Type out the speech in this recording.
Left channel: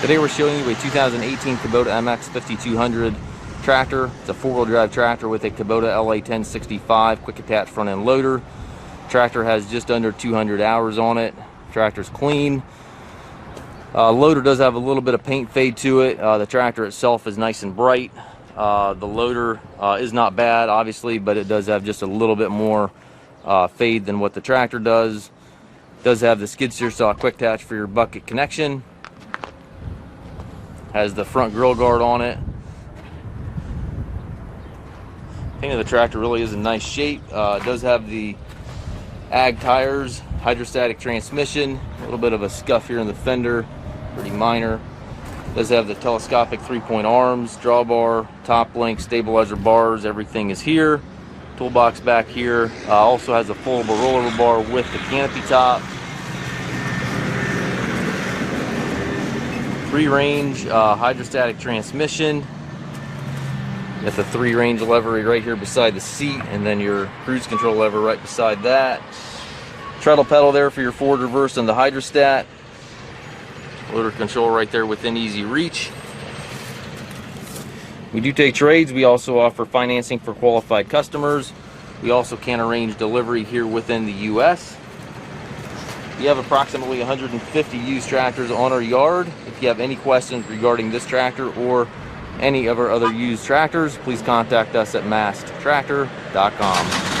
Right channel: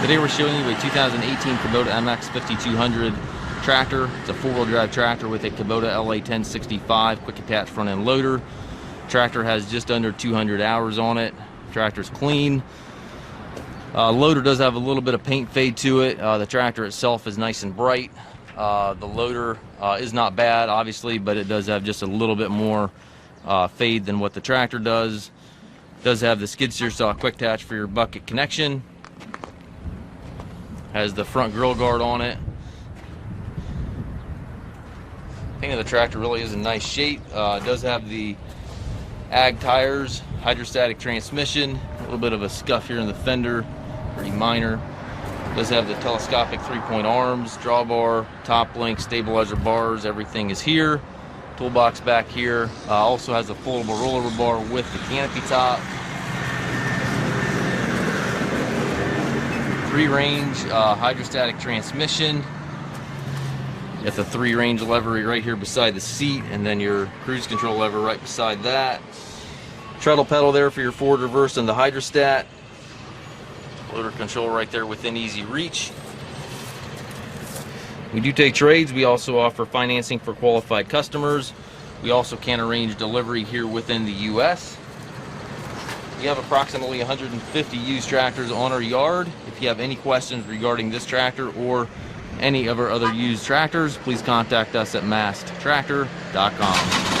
Today we're showing you a 2018 Kubota MX5200 tractor. It's a four-wheel drive tractor with a Kubota LA1065 quick attach front end loader. Tractor has just under 200 hours on it. Tractor's clean. Loader does have a little bit of paint fade to it. The tractor itself is nice and bright. The loader is not bad, obviously, but it does have just a little bit more fade than what the tractor does. It does have the skid steer saw quick attach for your bucket connection. Has the front grill guard on it. Paint of the tractor really is in nice shape. It does have the ag tires, hydrostatic transmission, a little bit of a scuff here in the fender, pretty minor. It does have the telescopic 3-point arms, drawbar, top link, stabilizer bars, everything is here. Toolbox back here. Also has a full roller bar with the canopy top. 3-range hydrostatic transmission. Got the 3-range lever right here beside the seat, and then your cruise control lever right beside that. Treadle pedal there for your forward, reverse, and the hydrostat. Motor control right there within easy reach. We do take trades. We also offer financing for qualified customers. We also can arrange delivery here within the U.S. We have approximately 150 used tractors on our yard. If you have any questions regarding this tractor or any of our other used tractors, please contact us at maskedtractor.com.